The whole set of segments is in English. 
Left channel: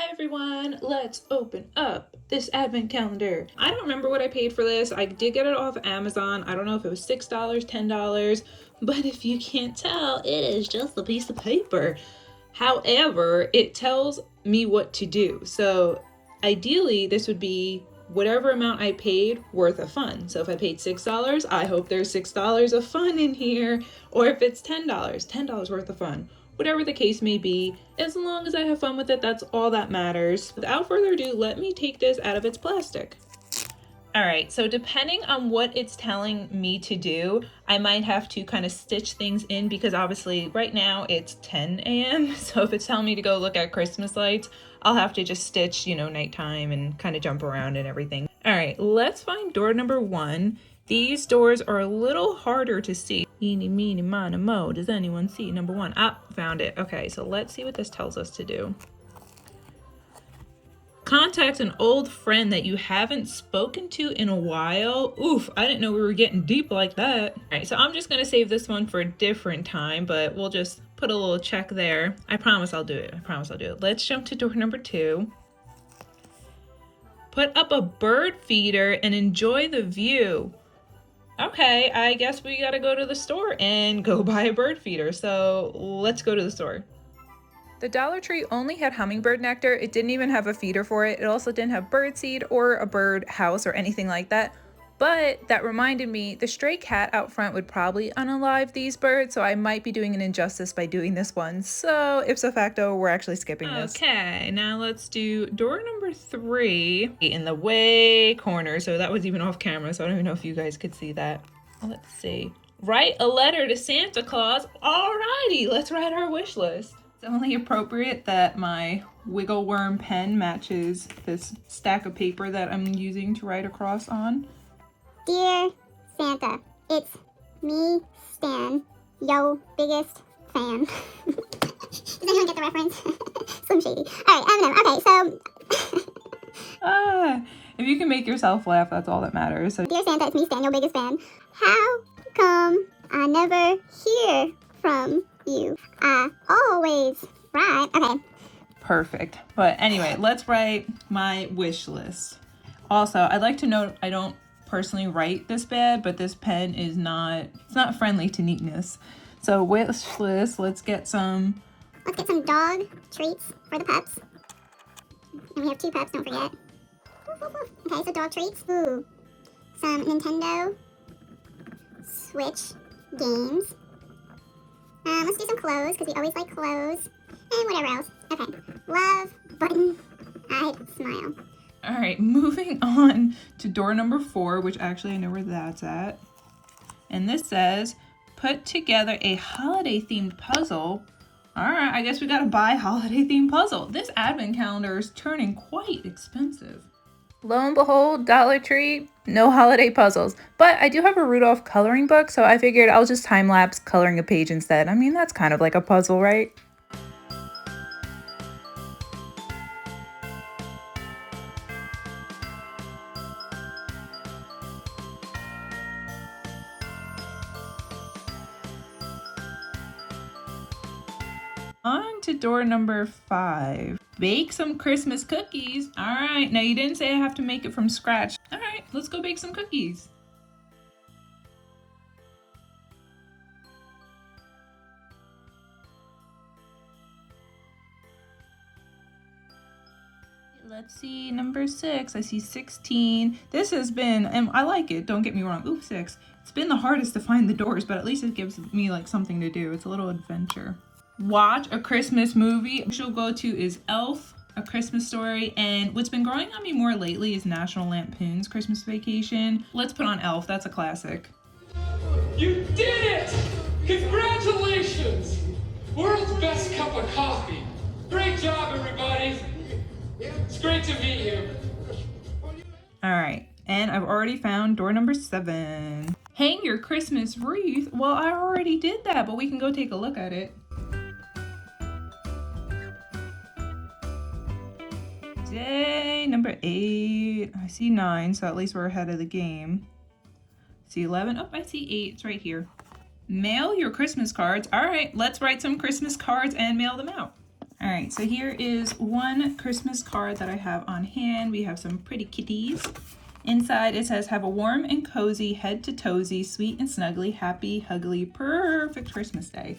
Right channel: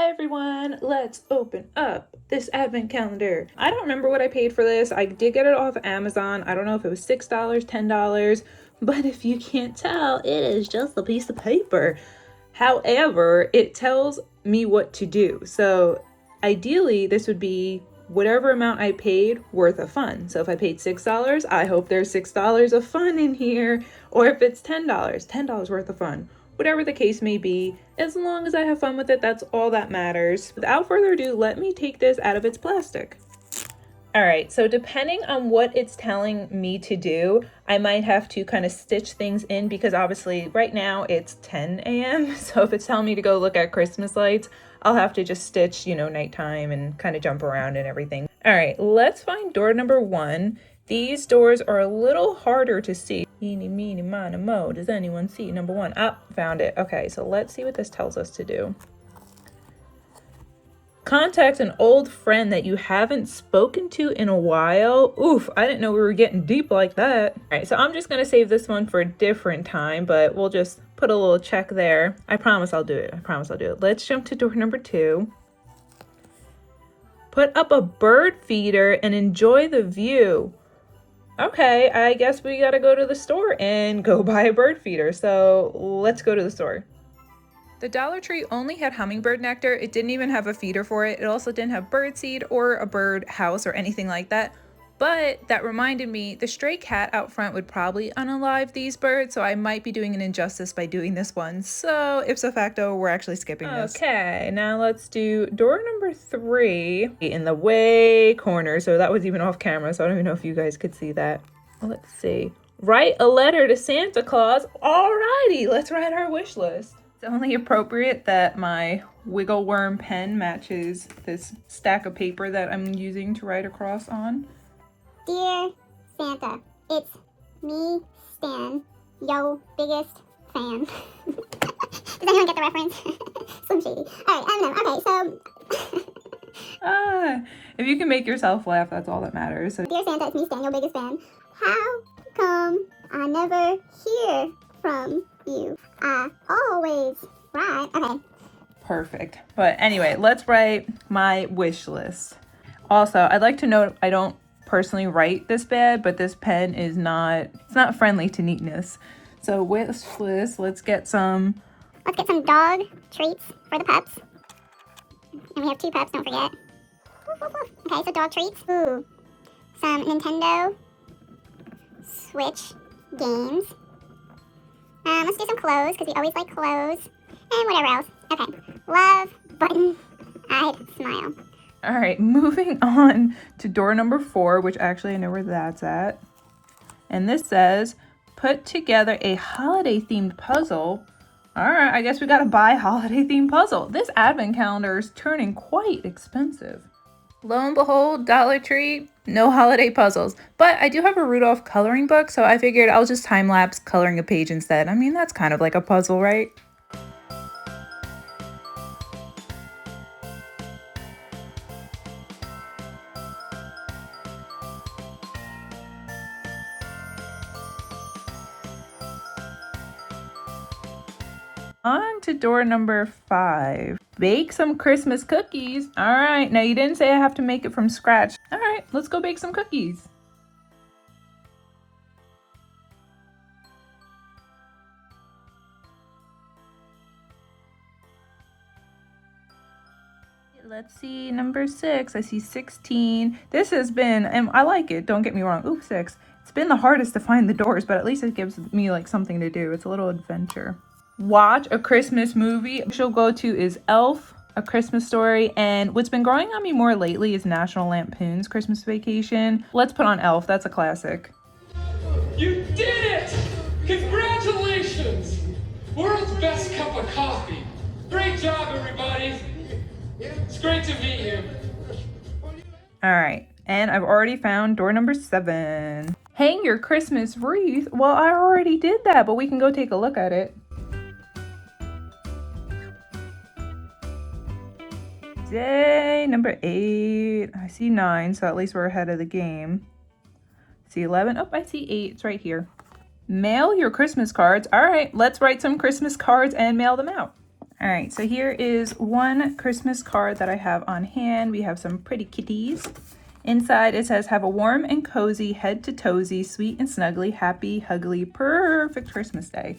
Hi everyone, let's open up this advent calendar. I don't remember what I paid for this. I did get it off of Amazon. I don't know if it was $6, $10, but if you can't tell, it is just a piece of paper. However, it tells me what to do. So ideally, this would be whatever amount I paid worth of fun. So if I paid $6, I hope there's $6 of fun in here. Or if it's $10 worth of fun. Whatever the case may be, as long as I have fun with it, that's all that matters. Without further ado, let me take this out of its plastic. All right, so depending on what it's telling me to do, I might have to kind of stitch things in because obviously right now it's 10 a.m. So if it's telling me to go look at Christmas lights, I'll have to just stitch, nighttime and kind of jump around and everything. All right, let's find door number 1. These doors are a little harder to see. Eeny, meeny, miny, mo. Does anyone see number 1? Ah, found it. Okay, so let's see what this tells us to do. Contact an old friend that you haven't spoken to in a while. Oof, I didn't know we were getting deep like that. All right, so I'm just gonna save this one for a different time, but we'll just put a little check there. I promise I'll do it. Let's jump to door number 2. Put up a bird feeder and enjoy the view. Okay, I guess we gotta go to the store and go buy a bird feeder. So let's go to the store. The Dollar Tree only had hummingbird nectar. It didn't even have a feeder for it. It also didn't have bird seed or a bird house or anything like that. But that reminded me, the stray cat out front would probably unalive these birds, so I might be doing an injustice by doing this one. So ipso facto, we're actually skipping this. Okay, now let's do door number 3 in the way corner. So that was even off camera, so I don't even know if you guys could see that. Let's see. Write a letter to Santa Claus. Alrighty, let's write our wish list. It's only appropriate that my wiggle worm pen matches this stack of paper that I'm using to write across on. Dear Santa, it's me, Stan, yo biggest fan. Does anyone get the reference? Slim Shady. Alright, okay, so... if you can make yourself laugh, that's all that matters. So, Dear Santa, it's me, Stan, your biggest fan. How come I never hear from you? I always write. Okay. Perfect. But anyway, let's write my wish list. Also, I'd like to note I don't personally write this bad, but this pen is not friendly to neatness. So wish list, let's get some dog treats for the pups. And we have 2 pups, don't forget. Okay, so dog treats. Ooh. Some Nintendo Switch games. Let's do some clothes, because we always like clothes. And whatever else. Okay. Love, button, I'd smile. All right, moving on to door number 4, which actually I know where that's at. And this says, put together a holiday-themed puzzle. All right, I guess we gotta buy a holiday-themed puzzle. This advent calendar is turning quite expensive. Lo and behold, Dollar Tree, no holiday puzzles. But I do have a Rudolph coloring book, so I figured I'll just time-lapse coloring a page instead. I mean, that's kind of like a puzzle, right? On to door number 5. Bake some Christmas cookies. All right, now you didn't say I have to make it from scratch. All right, let's go bake some cookies. Let's see, number 6. I see 16. This has been, and I like it, don't get me wrong. Ooh, 6. It's been the hardest to find the doors, but at least it gives me like something to do. It's a little adventure. Watch a Christmas movie. She'll go to is Elf, A Christmas Story, and what's been growing on me more lately is National Lampoon's Christmas Vacation. Let's put on Elf. That's a classic. You did it! Congratulations! World's best cup of coffee. Great job, everybody. It's great to meet you. All right, and I've already found door number 7. Hang your Christmas wreath. Well, I already did that, but we can go take a look at it. Day number 8. I see 9, so at least we're ahead of the game. I see 11. Oh, I see 8. It's right here. Mail your Christmas cards. All right, let's write some Christmas cards and mail them out. All right, so here is one Christmas card that I have on hand. We have some pretty kitties. Inside it says, have a warm and cozy, head to toesy, sweet and snuggly, happy, huggly, perfect Christmas day.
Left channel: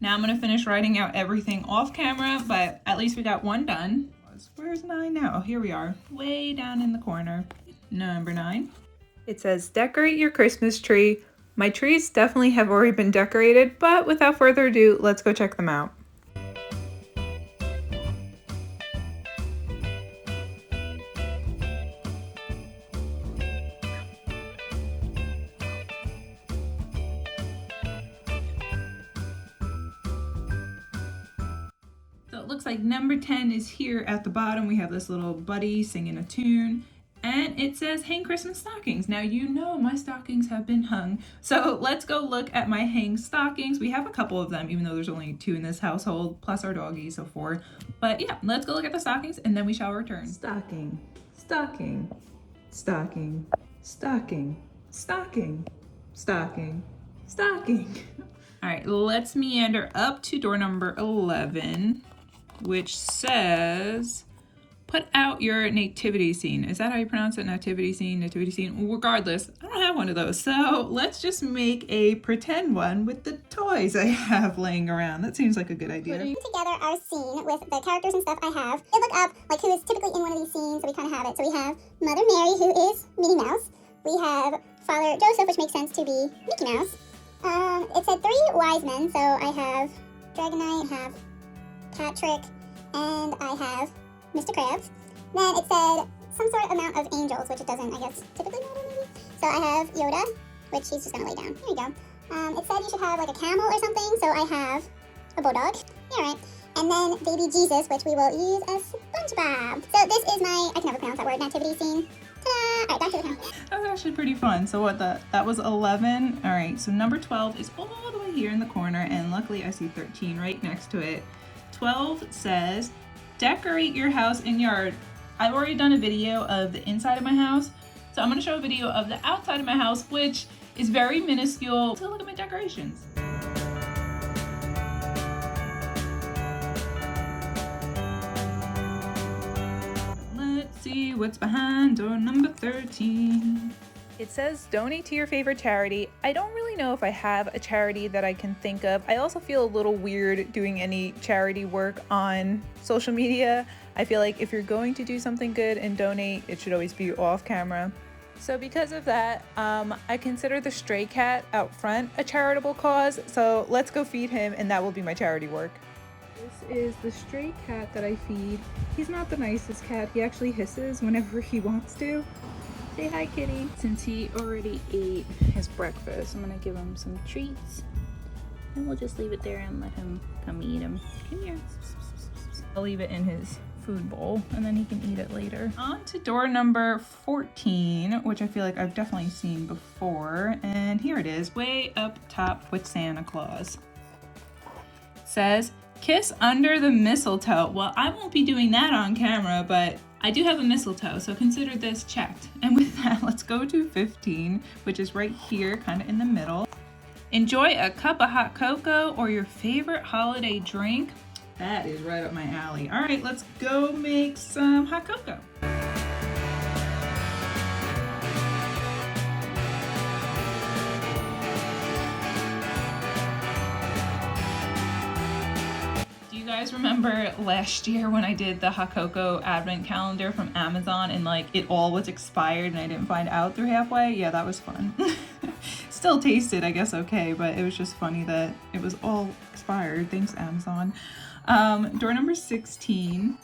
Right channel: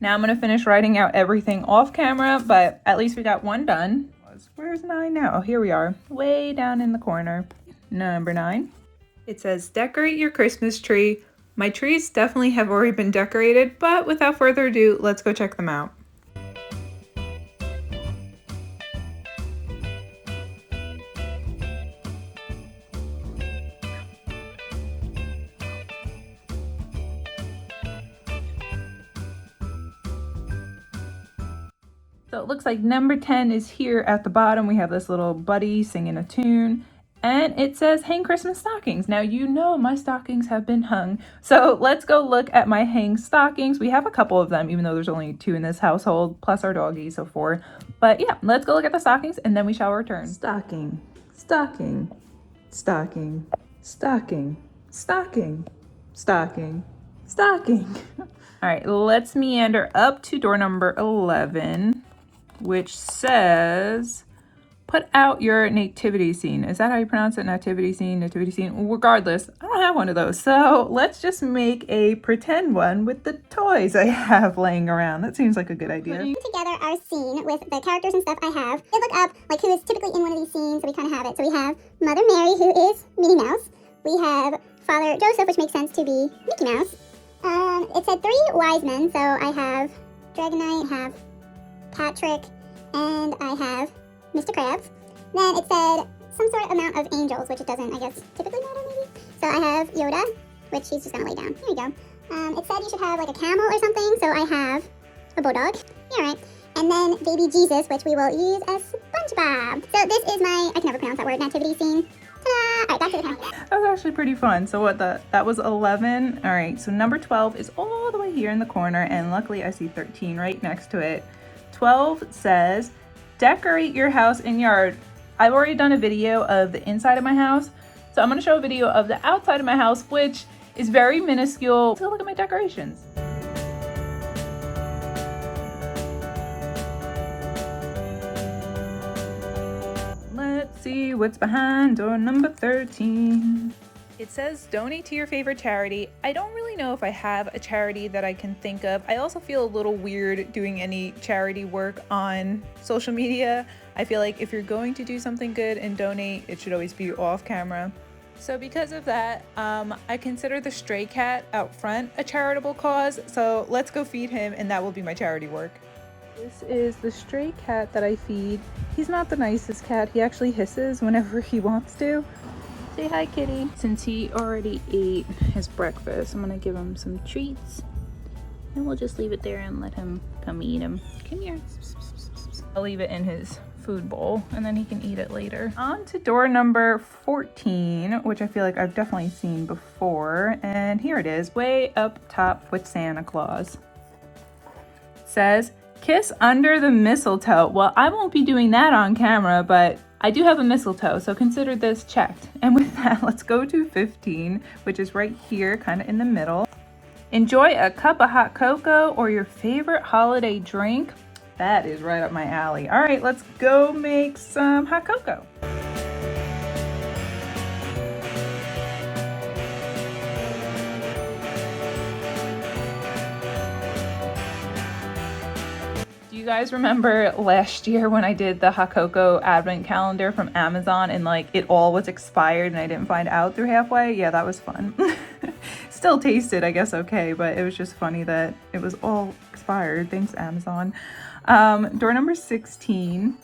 Now I'm gonna finish writing out everything off camera, but at least we got one done. Where's 9 now? Oh, here we are, way down in the corner. Number 9. It says, decorate your Christmas tree. My trees definitely have already been decorated, but without further ado, let's go check them out. So it looks like number 10 is here at the bottom. We have this little buddy singing a tune. And it says hang Christmas stockings. Now you know my stockings have been hung. So let's go look at my hang stockings. We have a couple of them, even though there's only 2 in this household, plus our doggy, so 4. But yeah, let's go look at the stockings and then we shall return. Stocking, stocking, stocking, stocking, stocking, stocking, stocking. All right, let's meander up to door number 11, which says, put out your nativity scene. Is that how you pronounce it? Nativity scene, nativity scene? Regardless, I don't have one of those. So let's just make a pretend one with the toys I have laying around. That seems like a good idea. Together our scene with the characters and stuff I have. We look up like who is typically in one of these scenes, so we kind of have it. So we have Mother Mary, who is Minnie Mouse. We have Father Joseph, which makes sense to be Mickey Mouse. It said 3 wise men, so I have Dragonite, I have Patrick, and I have Mr. Krabs. Then it said some sort of amount of angels, which it doesn't, I guess, typically matter maybe. So I have Yoda, which he's just gonna lay down. Here we go. It said you should have like a camel or something, so I have a bulldog. Yeah, right. And then baby Jesus, which we will use as SpongeBob. So this is my, I can never pronounce that word, nativity scene. Ta-da! All right, back to the house. That was actually pretty fun. So what, that was 11. All right, so number 12 is all the way here in the corner, and luckily I see 13 right next to it. 12 says, decorate your house and yard. I've already done a video of the inside of my house, so I'm going to show a video of the outside of my house, which is very minuscule. So look at my decorations. Let's see what's behind door number 13. It says donate to your favorite charity. I don't really know if I have a charity that I can think of. I also feel a little weird doing any charity work on social media. I feel like if you're going to do something good and donate, it should always be off camera. So because of that, I consider the stray cat out front a charitable cause. So let's go feed him and that will be my charity work. This is the stray cat that I feed. He's not the nicest cat. He actually hisses whenever he wants to. Say hi, kitty. Since he already ate his breakfast, I'm gonna give him some treats. And we'll just leave it there and let him come eat them. Come here. I'll leave it in his food bowl and then he can eat it later. On to door number 14, which I feel like I've definitely seen before. And here it is, way up top with Santa Claus. It says, kiss under the mistletoe. Well, I won't be doing that on camera, but I do have a mistletoe, so consider this checked. And with that, let's go to 15, which is right here, kind of in the middle. Enjoy a cup of hot cocoa or your favorite holiday drink. That is right up my alley. All right, let's go make some hot cocoa. You guys remember last year when I did the hot cocoa advent calendar from Amazon and like it all was expired and I didn't find out through halfway? Yeah, that was fun. Still tasted, I guess, okay, but it was just funny that it was all expired. Thanks, Amazon. Door number 16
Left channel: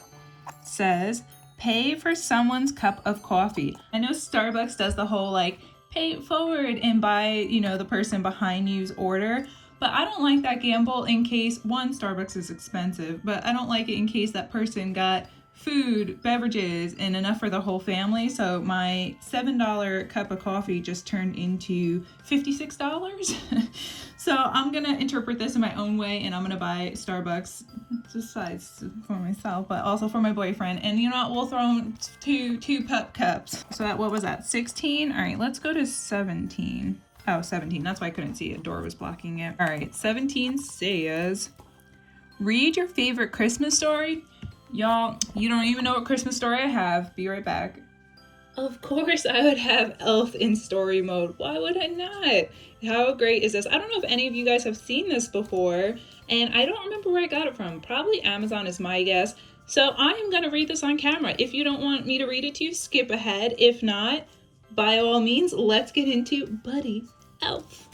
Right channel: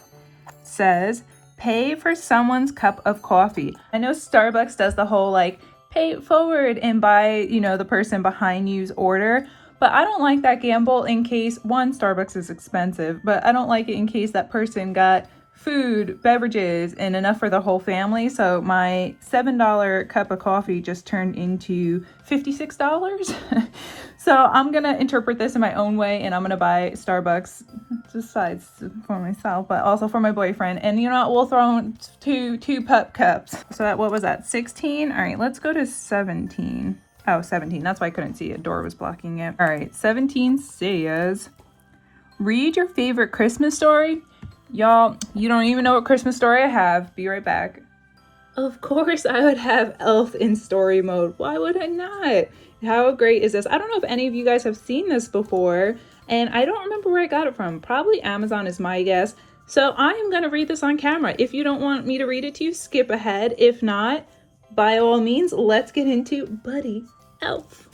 says, pay for someone's cup of coffee. I know Starbucks does the whole like pay it forward and buy, you know, the person behind you's order. But I don't like that gamble in case, one, Starbucks is expensive, but I don't like it in case that person got food, beverages, and enough for the whole family. So my $7 cup of coffee just turned into $56. So I'm going to interpret this in my own way, and I'm going to buy Starbucks besides for myself, but also for my boyfriend. And you know what? We'll throw in two pup cups. So that, what was that, 16? All right, let's go to 17. Oh, 17. That's why I couldn't see it. Door was blocking it. All right, 17 says, read your favorite Christmas story. Y'all, you don't even know what Christmas story I have. Be right back. Of course I would have Elf in story mode. Why would I not? How great is this? I don't know if any of you guys have seen this before, and I don't remember where I got it from. Probably Amazon is my guess. So I am going to read this on camera. If you don't want me to read it to you, skip ahead. If not, by all means, let's get into Buddy Elf.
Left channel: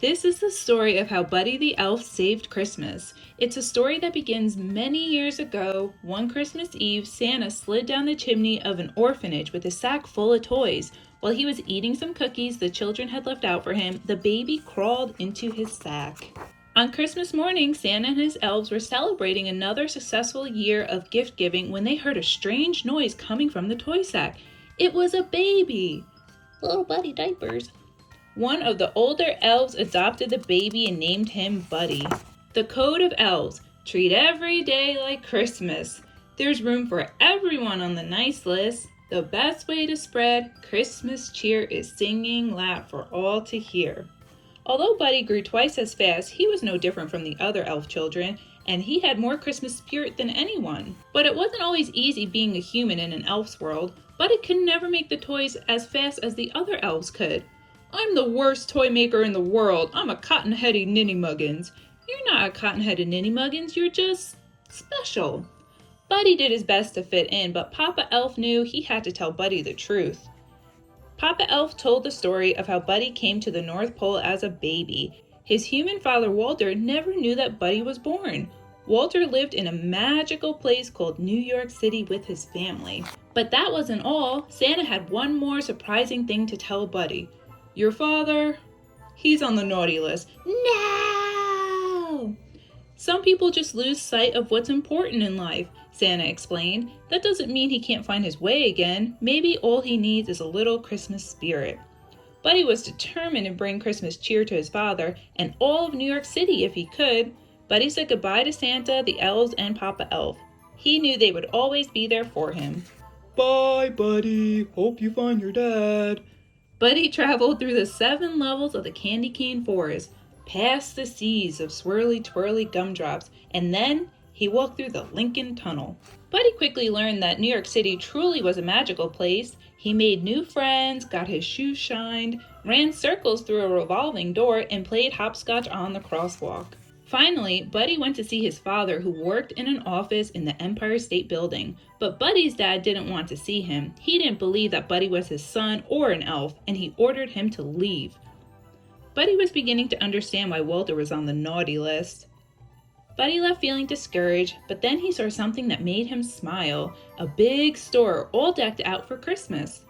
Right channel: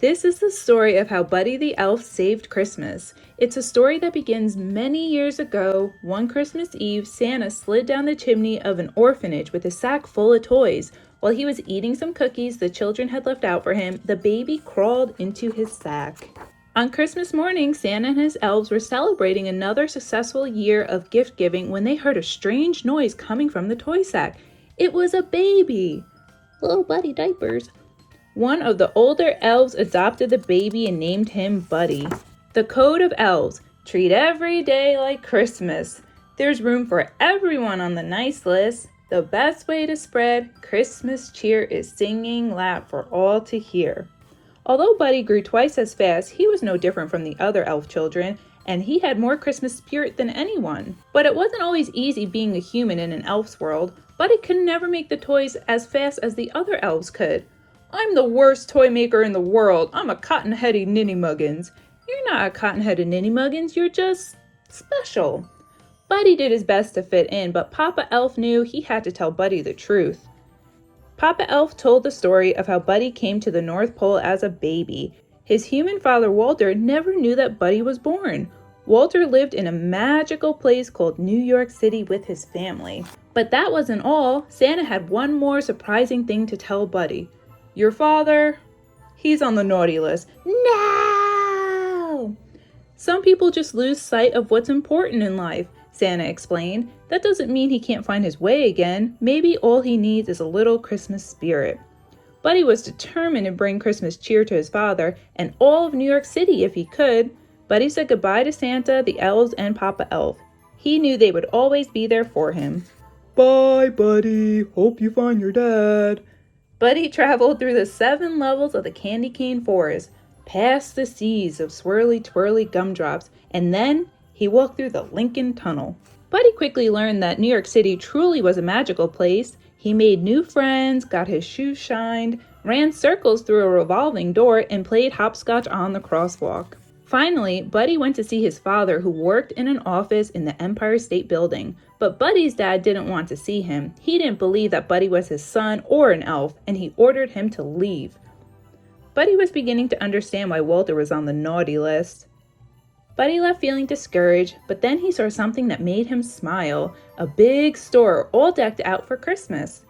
This is the story of how Buddy the Elf saved Christmas. It's a story that begins many years ago. One Christmas Eve, Santa slid down the chimney of an orphanage with a sack full of toys. While he was eating some cookies the children had left out for him, the baby crawled into his sack. On Christmas morning, Santa and his elves were celebrating another successful year of gift giving when they heard a strange noise coming from the toy sack. It was a baby. Little Buddy diapers. One of the older elves adopted the baby and named him Buddy. The code of elves: treat every day like Christmas. There's room for everyone on the nice list. The best way to spread Christmas cheer is singing loud for all to hear. Although Buddy grew twice as fast, he was no different from the other elf children, and he had more Christmas spirit than anyone. But it wasn't always easy being a human in an elf's world. Buddy could never make the toys as fast as the other elves could. I'm the worst toy maker in the world. I'm a cotton-headed ninny-muggins. You're not a cotton-headed ninny-muggins, you're just special. Buddy did his best to fit in, but Papa Elf knew he had to tell Buddy the truth. Papa Elf told the story of how Buddy came to the North Pole as a baby. His human father, Walter, never knew that Buddy was born. Walter lived in a magical place called New York City with his family. But that wasn't all. Santa had one more surprising thing to tell Buddy. Your father, he's on the naughty list. No! Some people just lose sight of what's important in life, Santa explained. That doesn't mean he can't find his way again. Maybe all he needs is a little Christmas spirit. Buddy was determined to bring Christmas cheer to his father and all of New York City if he could. Buddy said goodbye to Santa, the elves, and Papa Elf. He knew they would always be there for him. Bye, Buddy. Hope you find your dad. Buddy traveled through the 7 levels of the candy cane forest, past the seas of swirly twirly gumdrops, and then he walked through the Lincoln Tunnel. Buddy quickly learned that New York City truly was a magical place. He made new friends, got his shoes shined, ran circles through a revolving door, and played hopscotch on the crosswalk. Finally, Buddy went to see his father, who worked in an office in the Empire State Building. But Buddy's dad didn't want to see him. He didn't believe that Buddy was his son or an elf, and he ordered him to leave. Buddy was beginning to understand why Walter was on the naughty list. Buddy left feeling discouraged, but then he saw something that made him smile. A big store all decked out for Christmas.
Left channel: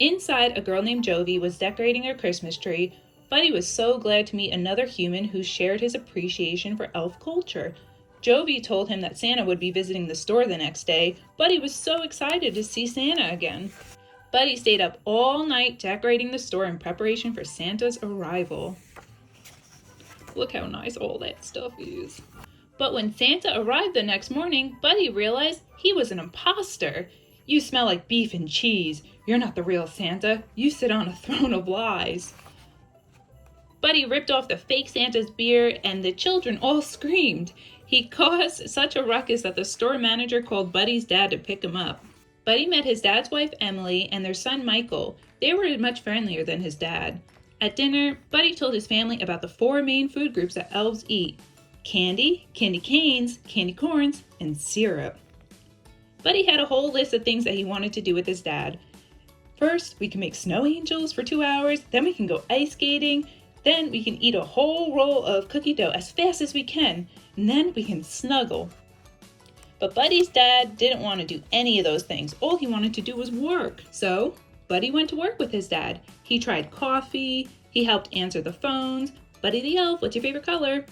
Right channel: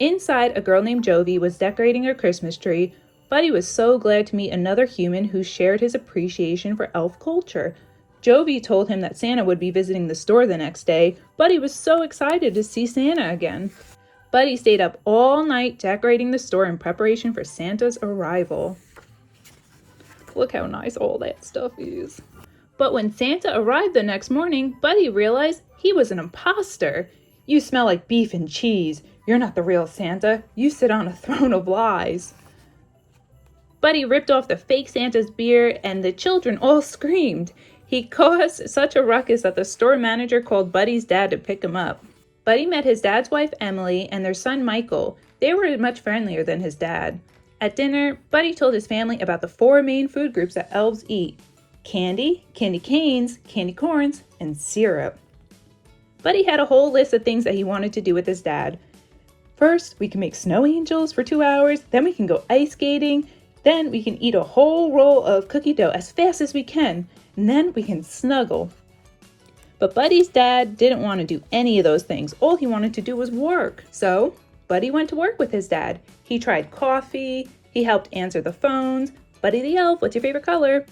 Inside, a girl named Jovi was decorating her Christmas tree. Buddy was so glad to meet another human who shared his appreciation for elf culture. Jovi told him that Santa would be visiting the store the next day. Buddy was so excited to see Santa again. Buddy stayed up all night decorating the store in preparation for Santa's arrival. Look how nice all that stuff is. But when Santa arrived the next morning, Buddy realized he was an imposter. You smell like beef and cheese. You're not the real Santa. You sit on a throne of lies. Buddy ripped off the fake Santa's beard, and the children all screamed. He caused such a ruckus that the store manager called Buddy's dad to pick him up. Buddy met his dad's wife, Emily, and their son, Michael. They were much friendlier than his dad. At dinner, Buddy told his family about the 4 main food groups that elves eat: candy, candy canes, candy corns, and syrup. Buddy had a whole list of things that he wanted to do with his dad. First, we can make snow angels for 2 hours, then we can go ice skating, then we can eat a whole roll of cookie dough as fast as we can, and then we can snuggle. But Buddy's dad didn't want to do any of those things. All he wanted to do was work. So Buddy went to work with his dad. He tried coffee, he helped answer the phones. Buddy the elf, what's your favorite color?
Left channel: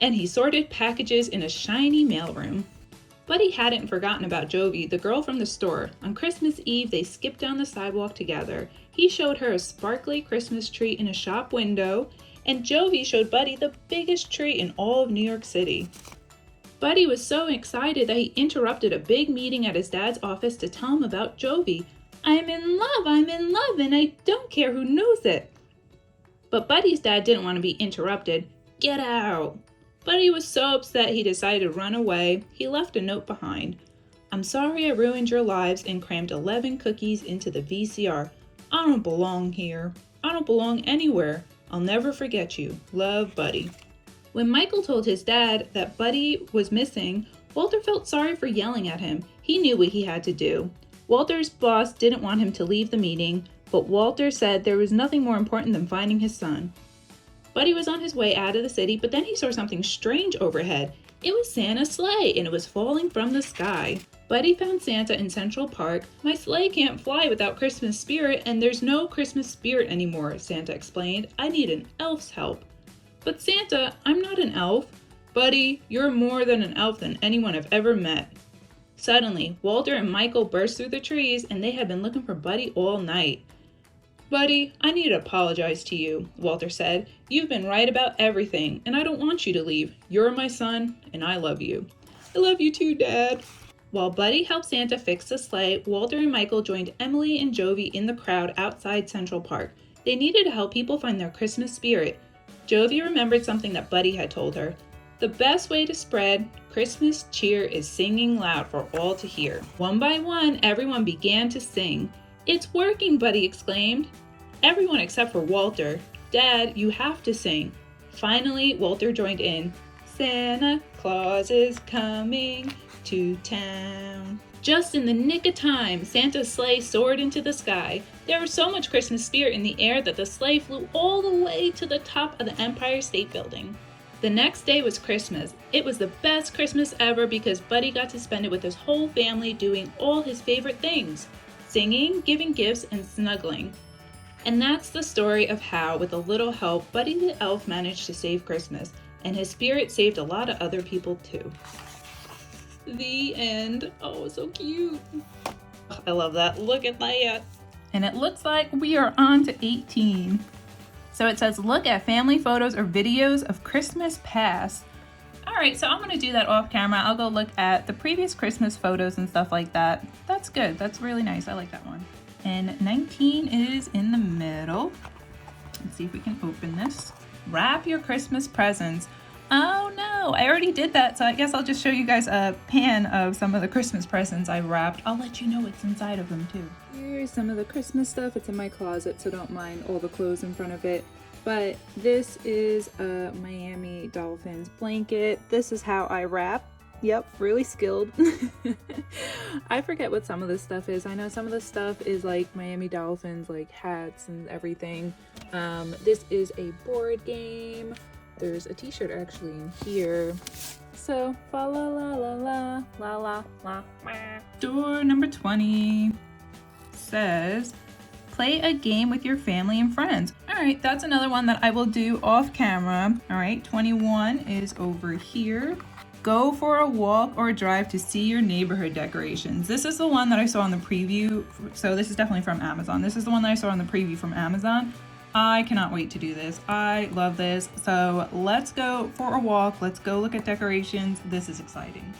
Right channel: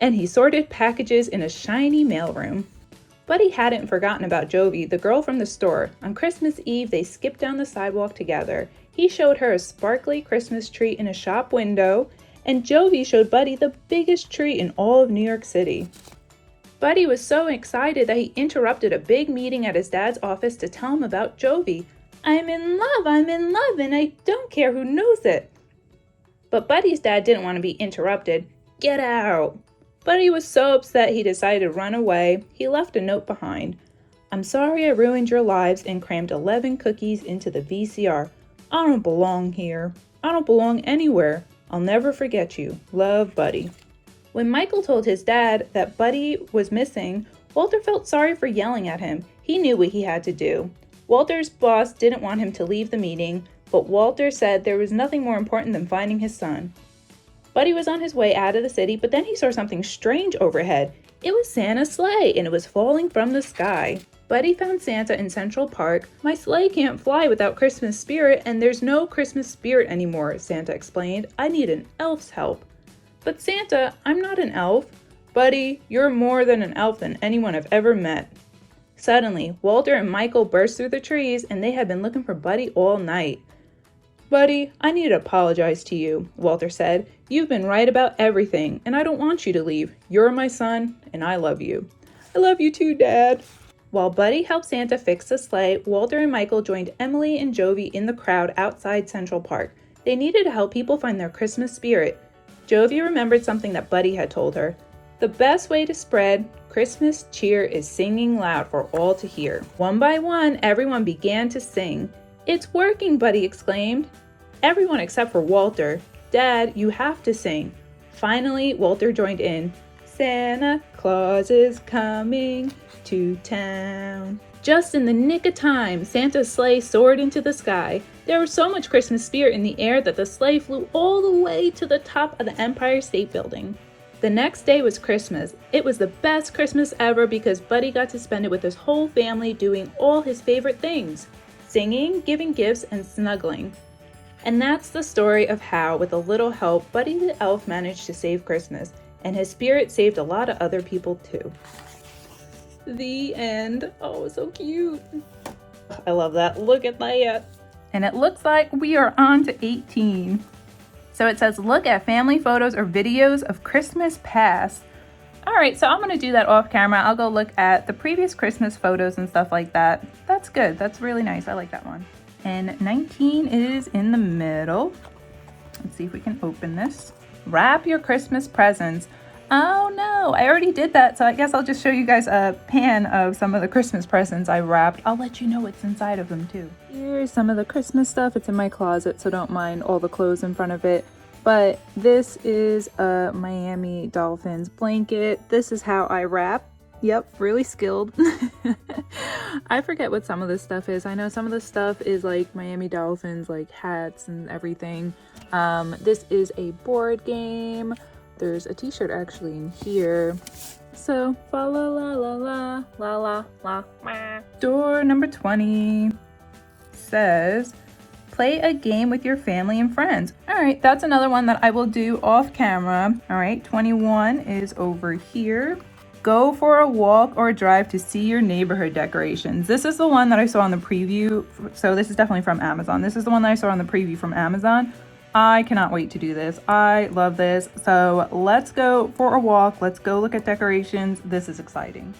And he sorted packages in a shiny mailroom. Buddy hadn't forgotten about Jovi, the girl from the store. On Christmas Eve, they skipped down the sidewalk together. He showed her a sparkly Christmas tree in a shop window, and Jovi showed Buddy the biggest tree in all of New York City. Buddy was so excited that he interrupted a big meeting at his dad's office to tell him about Jovi. I'm in love, and I don't care who knows it. But Buddy's dad didn't want to be interrupted. Get out! Buddy was so upset he decided to run away. He left a note behind. I'm sorry I ruined your lives and crammed 11 cookies into the VCR. I don't belong here. I don't belong anywhere. I'll never forget you. Love, Buddy. When Michael told his dad that Buddy was missing, Walter felt sorry for yelling at him. He knew what he had to do. Walter's boss didn't want him to leave the meeting, but Walter said there was nothing more important than finding his son. Buddy was on his way out of the city, but then he saw something strange overhead. It was Santa's sleigh, and it was falling from the sky. Buddy found Santa in Central Park. My sleigh can't fly without Christmas spirit, and there's no Christmas spirit anymore, Santa explained. I need an elf's help. But Santa, I'm not an elf. Buddy, you're more than an elf than anyone I've ever met. Suddenly, Walter and Michael burst through the trees, and they had been looking for Buddy all night. Buddy, I need to apologize to you, Walter said. You've been right about everything, and I don't want you to leave. You're my son, and I love you. I love you too, Dad. While Buddy helped Santa fix the sleigh, Walter and Michael joined Emily and Jovi in the crowd outside Central Park. They needed to help people find their Christmas spirit. Jovi remembered something that Buddy had told her. The best way to spread Christmas cheer is singing loud for all to hear. One by one, everyone began to sing. It's working, Buddy exclaimed. Everyone except for Walter. Dad, you have to sing. Finally, Walter joined in. Santa Claus is coming to town. Just in the nick of time, Santa's sleigh soared into the sky. There was so much Christmas spirit in the air that the sleigh flew all the way to the top of the Empire State Building. The next day was Christmas. It was the best Christmas ever because Buddy got to spend it with his whole family doing all his favorite things. Singing, giving gifts, and snuggling. And that's the story of how, with a little help, Buddy the Elf managed to save Christmas, and his spirit saved a lot of other people too. The end. Oh, so cute. I love that. Look at that. And it looks like we are on to 18. So it says, look at family photos or videos of Christmas past. All right, so I'm going to do that off camera. I'll go look at the previous Christmas photos and stuff like that. That's good. That's really nice. I like that one. And 19 is in the middle. Let's see if we can open this. Wrap your Christmas presents. Oh no, I already did that, so I guess I'll just show you guys a pan of some of the Christmas presents I wrapped. I'll let you know what's inside of them too. Here's some of the Christmas stuff. It's in my closet, so don't mind all the clothes in front of it. But this is a Miami Dolphins blanket. This is how I wrap. Yep, really skilled. I forget what some of this stuff is. I know some of this stuff is like Miami Dolphins, like hats and everything. This is a board game. There's a t-shirt actually in here. So, fa la la la la la la la. Door number 20 says, play a game with your family and friends. All right, that's another one that I will do off camera. All right, 21 is over here. Go for a walk or a drive to see your neighborhood decorations. This is the one that I saw on the preview. So this is definitely from Amazon. This is the one that I saw on the preview from Amazon. I cannot wait to do this. I love this. So let's go for a walk. Let's go look at decorations. This is exciting.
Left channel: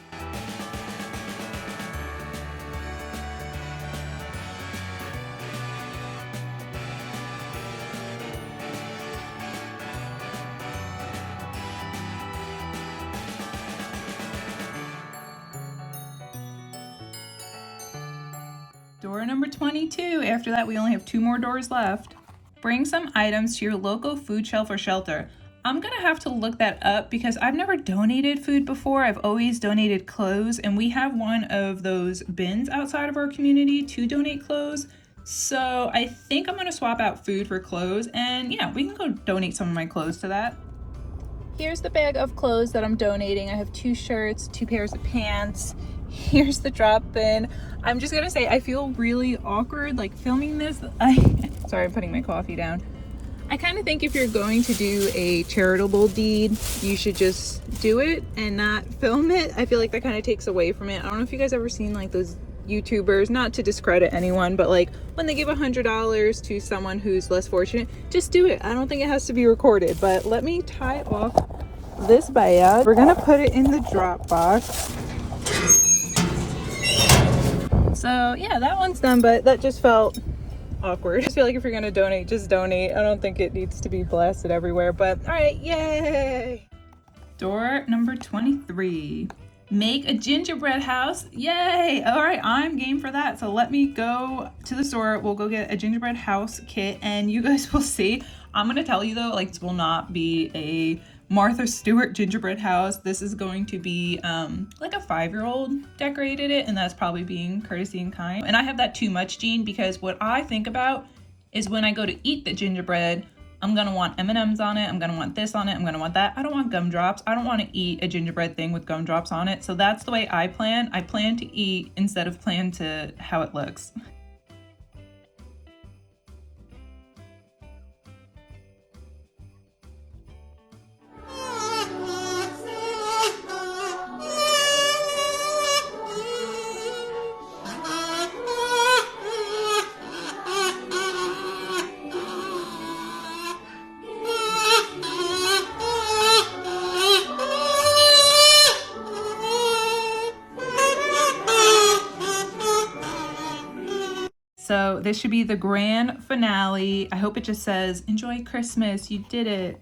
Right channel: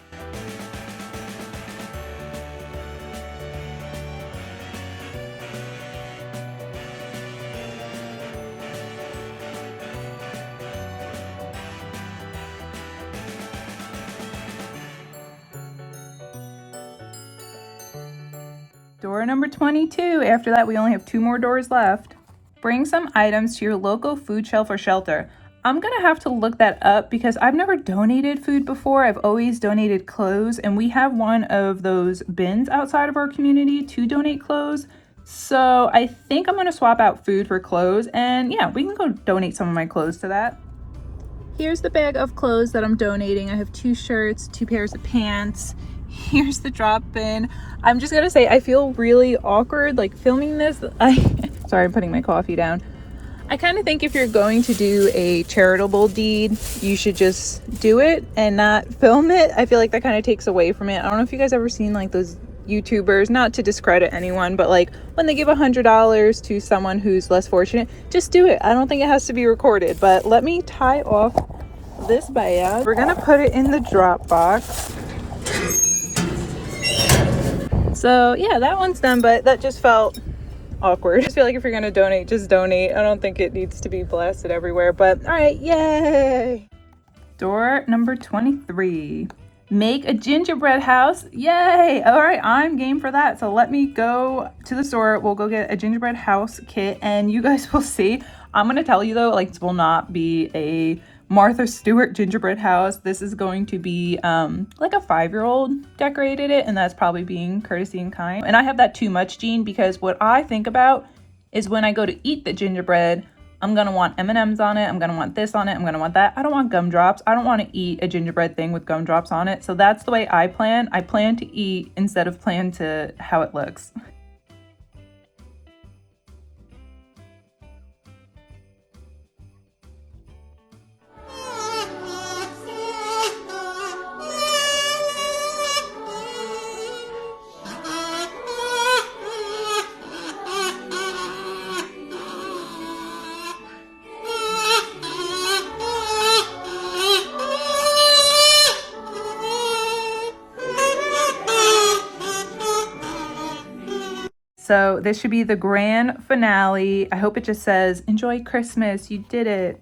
Door number 22. After that, we only have 2 more doors left. Bring some items to your local food shelf or shelter. I'm gonna have to look that up because I've never donated food before. I've always donated clothes, and we have one of those bins outside of our community to donate clothes. So I think I'm gonna swap out food for clothes, and yeah, we can go donate some of my clothes to that. Here's the bag of clothes that I'm donating. I have 2 shirts, 2 pairs of pants. Here's the drop bin. I'm just gonna say I feel really awkward like filming this. Sorry, I'm putting my coffee down. I kind of think if you're going to do a charitable deed, you should just do it and not film it. I feel like that kind of takes away from it. I don't know if you guys ever seen like those YouTubers, not to discredit anyone, but like when they give $100 to someone who's less fortunate, just do it. I don't think it has to be recorded. But let me tie off this bag. We're gonna put it in the drop box. So yeah, that one's done, but that just felt awkward. I just feel like if you're gonna donate, just donate. I don't think it needs to be blasted everywhere, but all right, yay. Door number 23. Make a gingerbread house. Yay! All right, I'm game for that. So let me go to the store. We'll go get a gingerbread house kit and you guys will see. I'm gonna tell you though, like, this will not be a Martha Stewart gingerbread house. This is going to be like a 5-year-old decorated it, and that's probably being courtesy and kind. And I have that too much gene, because what I think about is when I go to eat the gingerbread, I'm gonna want M&Ms on it, I'm gonna want this on it, I'm gonna want that. I don't want gumdrops. I don't want to eat a gingerbread thing with gumdrops on it. So that's the way I plan. I plan to eat instead of plan to how it looks. So this should be the grand finale. I hope it just says, enjoy Christmas, you did it.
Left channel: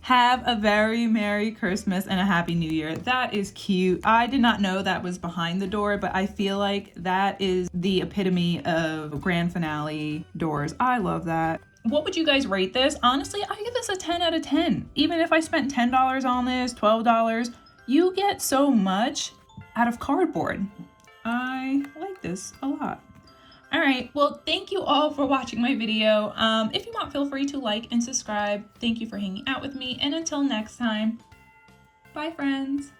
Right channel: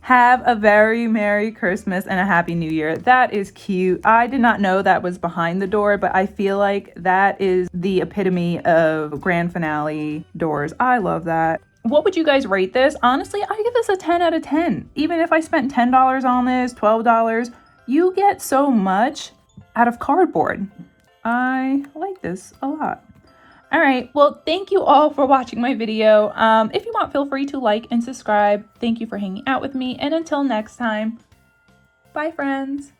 Have a very Merry Christmas and a Happy New Year. That is cute. I did not know that was behind the door, but I feel like that is the epitome of grand finale doors. I love that. What would you guys rate this? Honestly, I give this a 10 out of 10. Even if I spent $10 on this, $12, you get so much out of cardboard. I like this a lot. All right, well, thank you all for watching my video. If you want, feel free to like and subscribe. Thank you for hanging out with me, and until next time, bye friends.